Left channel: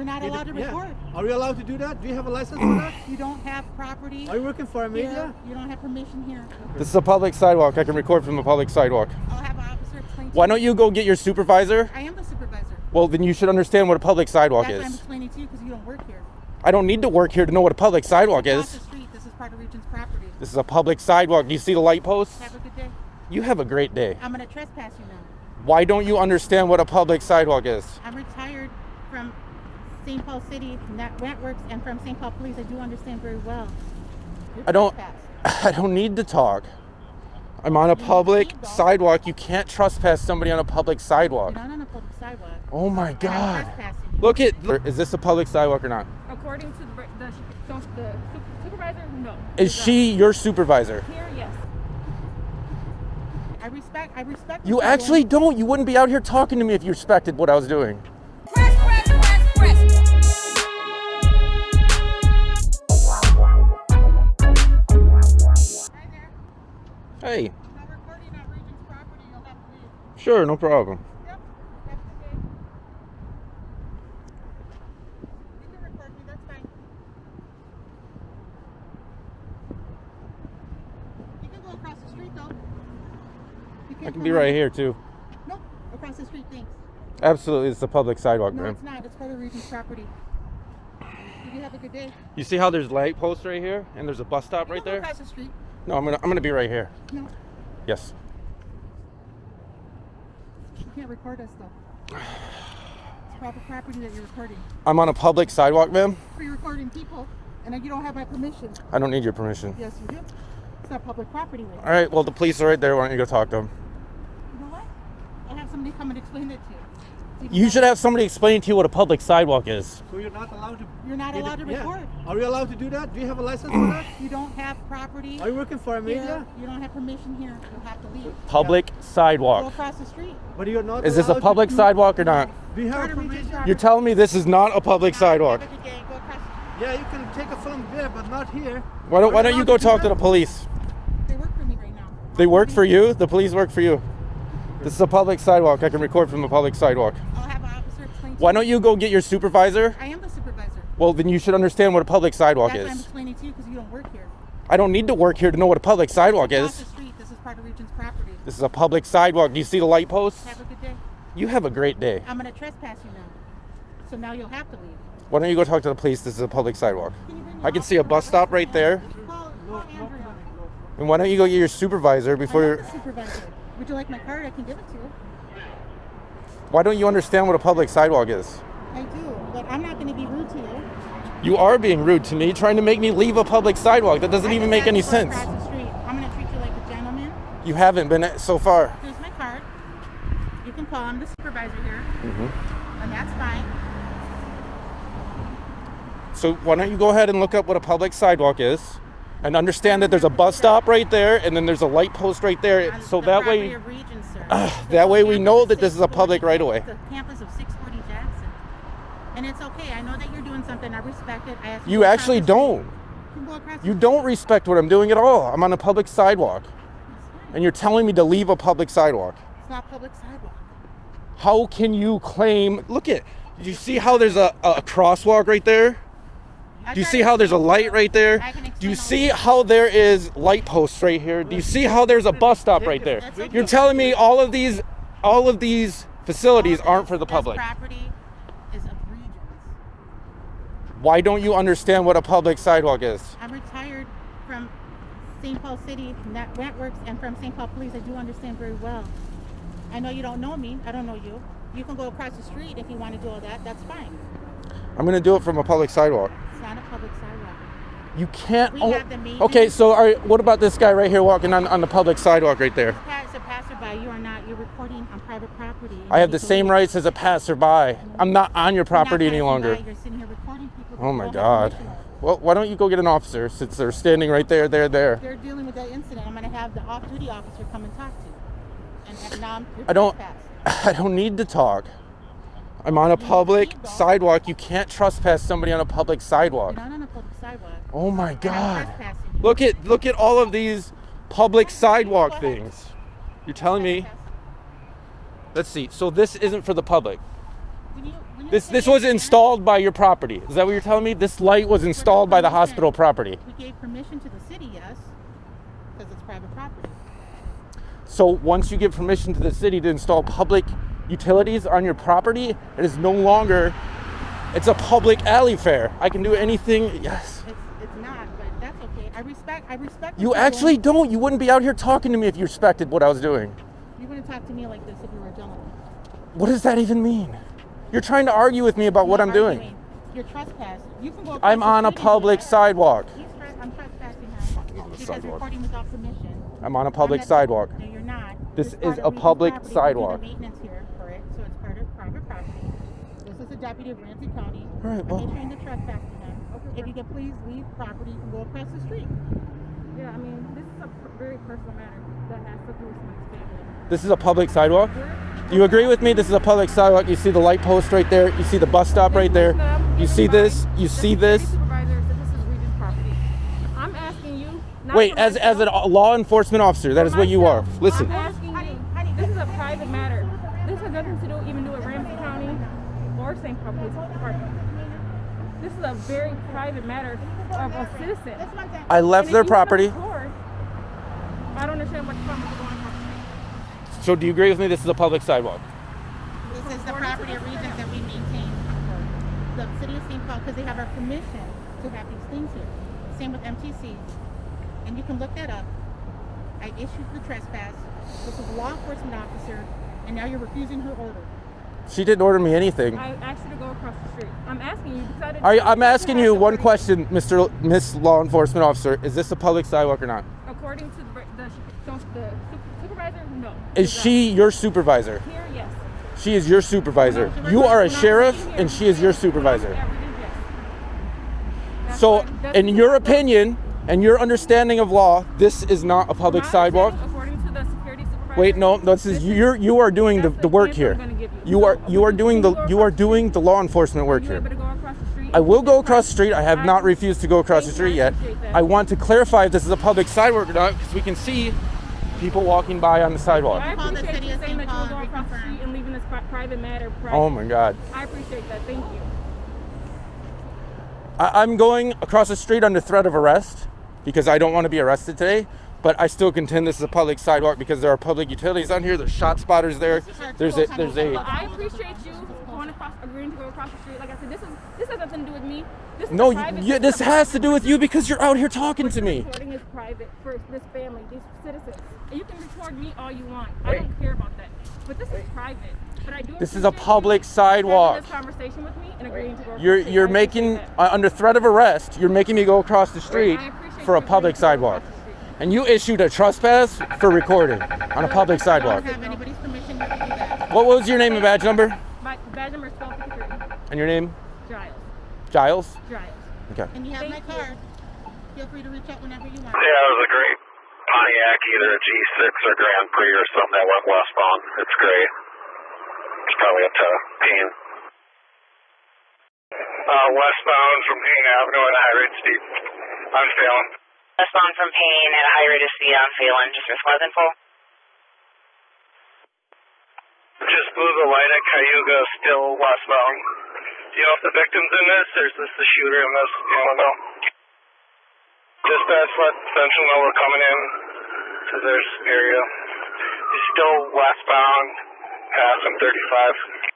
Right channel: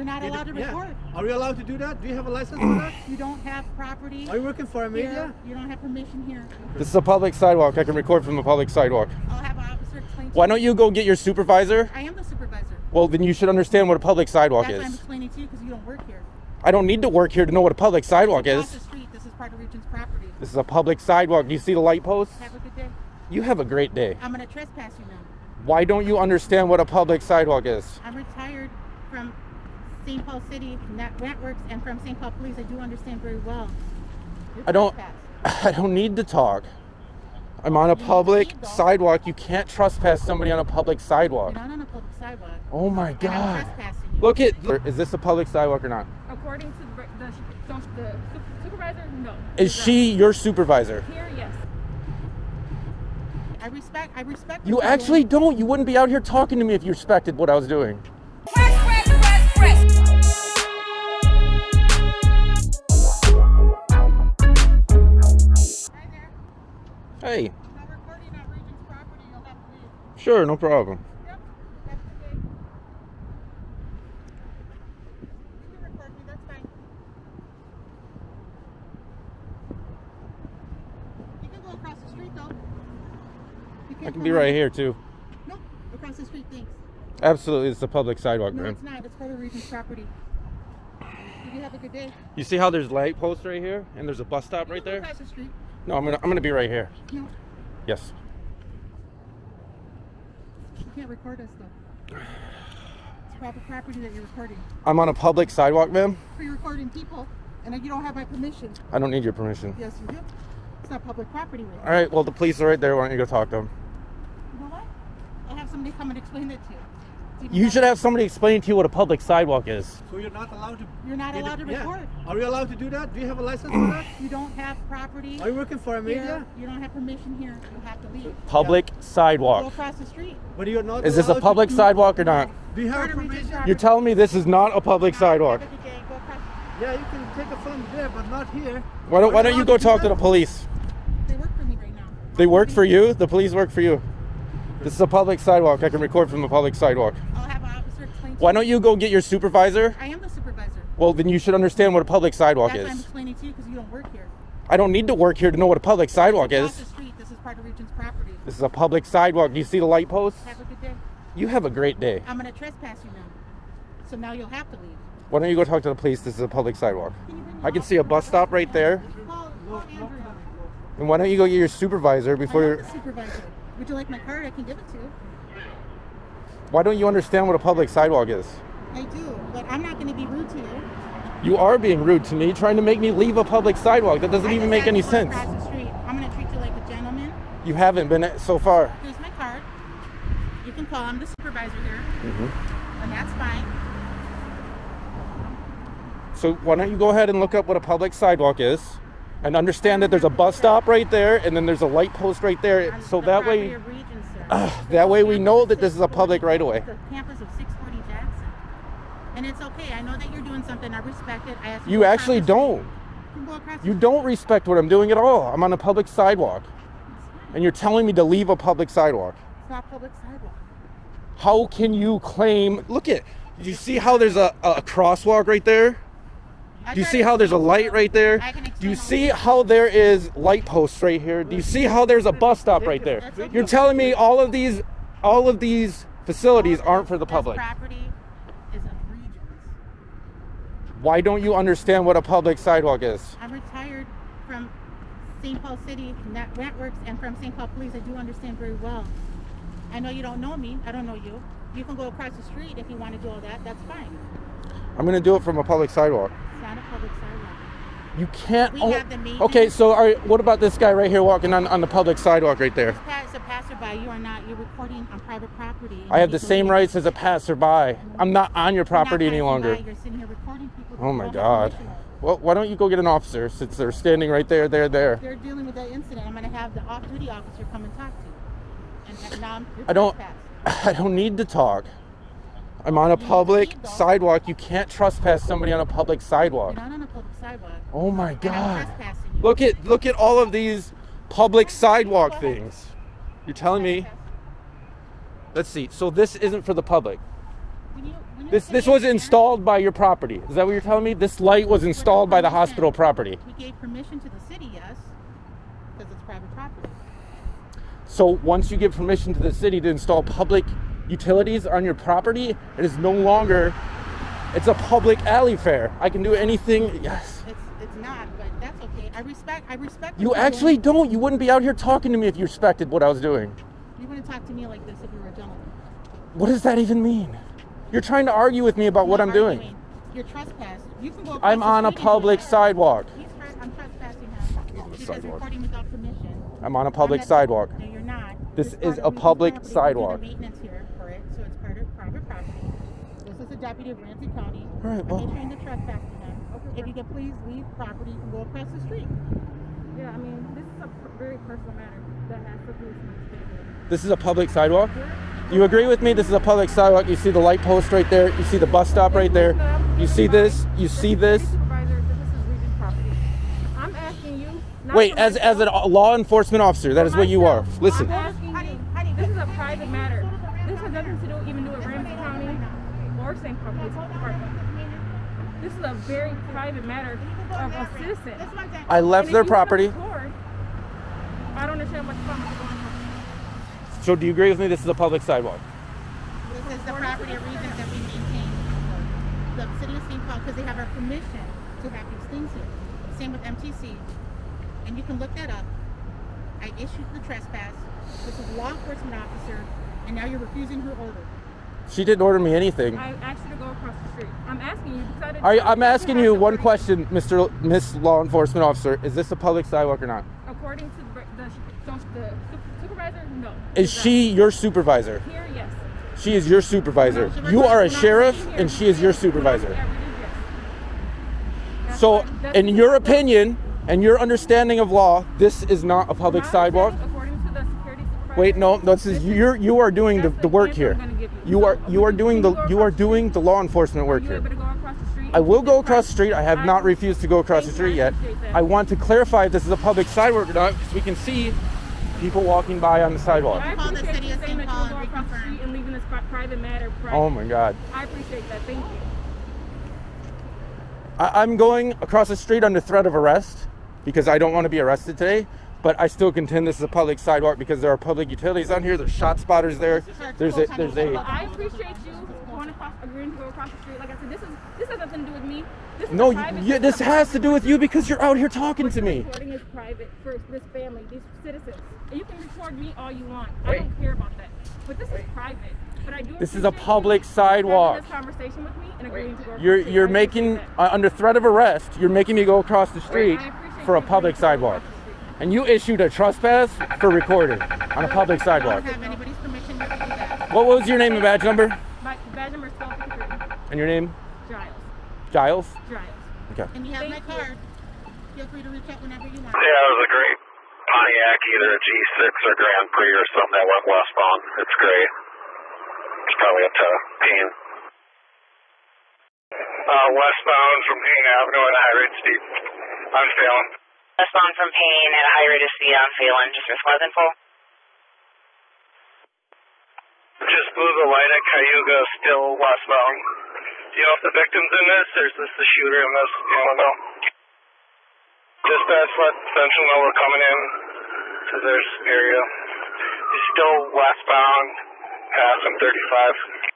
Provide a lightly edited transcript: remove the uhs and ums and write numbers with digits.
You're not allowed to record. Are you allowed to do that? Do you have a license for that? You don't have property. Are you working for a media? You don't have permission here. This is a public sidewalk. I can record from the public sidewalk. I'll have an officer explain to Why don't you go get your supervisor? I am the supervisor. Well, then you should understand what a public sidewalk That's why I'm is. explaining to you because you don't work here. I don't need to work here to know what a public sidewalk Across the is. street, this is part of Regent's property. This is a public sidewalk. Do you see the light posts? Have a good day. You have a great day. I'm going to trespass you now. Why don't you understand what a public sidewalk is? I'm retired from St. Paul City Networks and from St. Paul Police. I do understand very well. You're I don't trespassed. need to talk. I'm on a public sidewalk. You can't trespass somebody on a public sidewalk. You're not on a public sidewalk. Oh my And I'm God. trespassing. Look at, is this a public sidewalk or not? According to the supervisor, no. Is she your supervisor? Here, yes. I respect what You you're actually doing. don't. You wouldn't be out here talking to me if you respected what I was doing. Hi there. Hey, I'm recording on Regent's property. You'll have to leave. sure, no problem. Yep. Have a good day. You can record me. That's fine. You can go across the street though. You I can't can be come right in. here too. Nope. Across the street, thanks. Absolutely, it's a public sidewalk, No, man. it's not. It's part of Regent's property. You have a good day. You see how there's light posts right here, and there's a bus stop You right can go there? across the street. No, I'm gonna be right here. No, Yes. you can't record us though. It's private property that you're recording. I'm on a public sidewalk, ma'am. For you're recording people, and you don't have my permission. I don't need your permission. Yes, you do. It's not public property. Right? All right. Well, the police are right there. Why don't you go talk to them? You know what? I'll have somebody come and explain it to you. You should have somebody explain to you what a public sidewalk is. So you're not allowed to. You're not allowed to record. Are you allowed to do that? Do you have a license for that? You don't have property. Are you working for a here. media? You don't have permission here. You'll have to leave. Public Go sidewalk. across the street. But you're not. Is this a allowed public to sidewalk or not? Do you have Part of Regent's permission? property. You're telling me this is not a public sidewalk. Have a good day. Go across. Yeah, you can take a film there, but not here. Why don't you go talk to the police? They work for me right now. They work for you? The police work for you? This is a public sidewalk. I can record from the public sidewalk. I'll have an officer explain to Why you. don't you go get your supervisor? I am the supervisor. Well, then you should understand what a public sidewalk That's why I'm is. explaining to you because you don't work here. I don't need to work here to know what a public sidewalk Across the is. street, this is part of Regent's property. This is a public sidewalk. Do you see the light posts? Have a good day. You have a great day. I'm going to trespass you now. So now you'll have to leave. Why don't you go talk to the police? This is a public sidewalk. Can you bring I your can see a officer bus over? stop right there. Call Andrew. And why don't you go get your supervisor I before am you're... the supervisor. Would you like my card? I can give it to you. Why don't you understand what a public sidewalk is? I do, but I'm not going to be rude to you. You are being rude to me, trying to make me leave a public sidewalk. That doesn't I even just make asked any you to sense. Across the street. I'm going to treat you like a gentleman. You haven't been so far. Here's my card. You can call. I'm the supervisor here, Mm-hmm. and that's fine. So why don't you go ahead and look up what a public sidewalk is and understand that there's a bus stop right there and then there's a light post right there. On So the that property way, of Regents, sir. that way we know that this is a public right of way. The campus of 640 Jackson. And it's okay. I know that you're doing something. I respect it. I asked You to go actually across the street. don't. You can go across You the don't respect what I'm doing at all. I'm on a public sidewalk. street. It's fine. And you're telling me to leave a public sidewalk. It's not public sidewalk. How can you claim, look at, do you see how there's a crosswalk right there? Do you see how there's a light right there? Do you see how there is light posts right here? Do you see how there's a bus stop right there? You're telling me all of these facilities aren't for the public. This property is of Regents. Why don't you understand what a public sidewalk is? I'm retired from St. Paul City Networks and from St. Paul Police. I do understand very well. I know you don't know me. I don't know you. You can go across the street if you want to do all that. That's fine. I'm gonna do it from a public sidewalk. It's not a public sidewalk. You can't. We Oh, have the meeting. okay, so all right, what about this guy right here walking on the public sidewalk right there? As a passerby, you are not. You're recording on private property. I have the same rights as a passerby. I'm not on your property any longer. You're sitting here recording people. that Oh my don't have God. permission. Well, why don't you go get an officer since they're standing right there, there. They're dealing with that incident. I'm going to have the off-duty officer come and talk to you. And now you're I don't- trespassed. I don't need to talk. I'm on a public sidewalk. You can't trespass somebody on a public sidewalk. You're not on a public sidewalk. Oh my And I'm God. trespassing. Look at all of these public sidewalk things. You're telling me. Let's see. So this isn't for the public. We This was installed by your property. Is that what you're telling me? This light was installed by the hospital property. We gave permission to the city, yes, because it's private property. So once you give permission to the city to install public utilities on your property, it is no longer, it's a public alley fair. I can do anything, yes. It's not, but that's okay. I respect what You you're actually doing. don't. You wouldn't be out here talking to me if you respected what I was doing. You wouldn't talk to me like this if you were a gentleman. What does that even mean? You're trying to argue with me about what I'm doing. You're trespassing. You can go across I'm the on a street. public sidewalk. I'm trespassing him. on the Because sidewalk. recording without permission. I'm on a public I'm not- sidewalk. No, you're not. This It's part is of a Reed's public property. sidewalk. We do the maintenance here for it, so it's part of private property. This is the deputy of Ramsey County. All right, well- I'm issuing the trespassing him. If you could please leave property, you can go across the street. Yeah, I mean, this is a very personal matter that has to do with my family. This is a public sidewalk? You agree with me? This is a public sidewalk. You see the light post right there. You see the bus stop right there. You see this? You see this? Supervisor, this is Regent's property. I'm asking you. not Wait, for as a myself, law enforcement officer, that is what you are. myself. Listen. I'm asking you. This is a private matter. This has nothing to do even do with Ramsey County or St. Paul Police Department. This is a very private matter of a citizen. I left And their if you property. record, I don't understand what the problem is going on. So do you agree with me? This is a public sidewalk. This is the property of Regent that we maintain for the city of St. Paul because they have our permission to have these things here. Same with MTC. And you can look that up. I issued the trespass. This is a law enforcement officer, and now you're refusing her order. She didn't order me anything. I asked you to go across the street. I'm asking you because I didn't. I'm asking you one question, Miss Law Enforcement Officer. Is this a public sidewalk or not? According to the supervisor, no. Is she your supervisor? Here? Yes. She is your supervisor. You are a sheriff, and she is your supervisor. So, in your opinion and your understanding of law, this is not a public sidewalk. According to the security supervisor. Wait, no, this is you are doing That's the the work answer here. I'm gonna give you. You are So, doing can the you go across the law enforcement work Are you here. able to go across the street? I will go across the street. I have not refused to go across the Thank you, street I yet. appreciate that. I want to clarify if this is a public sidewalk or not, because we can see people walking by on the sidewalk. I Call the appreciate city you of saying that St. you will Paul go and across the reconfirm. street and leaving this private matter private. Oh my God. I appreciate that. Thank you. I'm going across the street under threat of arrest because I don't want to be arrested today, but I still contend this is a public sidewalk because there are public utilities on here. There's shot spotters there. There's a I appreciate you agreeing to go across the street. Like I said, this has nothing to do with me. This is no. a private, This is a has to do with you private because you're out here talking to me. Recording is private for this family, these citizens. And you can record me all you want. I don't care about that. But this is private. But I do. This is a appreciate public you sidewalk. having this conversation with me and agreeing to go across the You're street. you're I making appreciate that. under threat of arrest. You're making me go across the street I appreciate for a you public agreeing to go sidewalk, across the street. and you issued a trespass for recording on a public I sidewalk. don't have anybody's permission to do that. What was your name and badge number? My badge number is 1253. And your name? Giles. Giles? Giles. Okay. And you have my Thank you. card. Feel free to reach out whenever you want. Yeah, it was a great Pontiac, either a G6 or Grand Prix or something that went westbound. It's great. It's probably up to Payne. Westbound from Payne Avenue and High Ridge Steep. On Phelan. Westbound from Payne at High Ridge Speed on Phelan, just for Smith info. Just blew the light at Cayuga, still westbound. Do you know if the victim's in this, or is this the shooter in this? You don't know. Dispatch let Central know we're coming in to this area. He's still westbound, passing 35.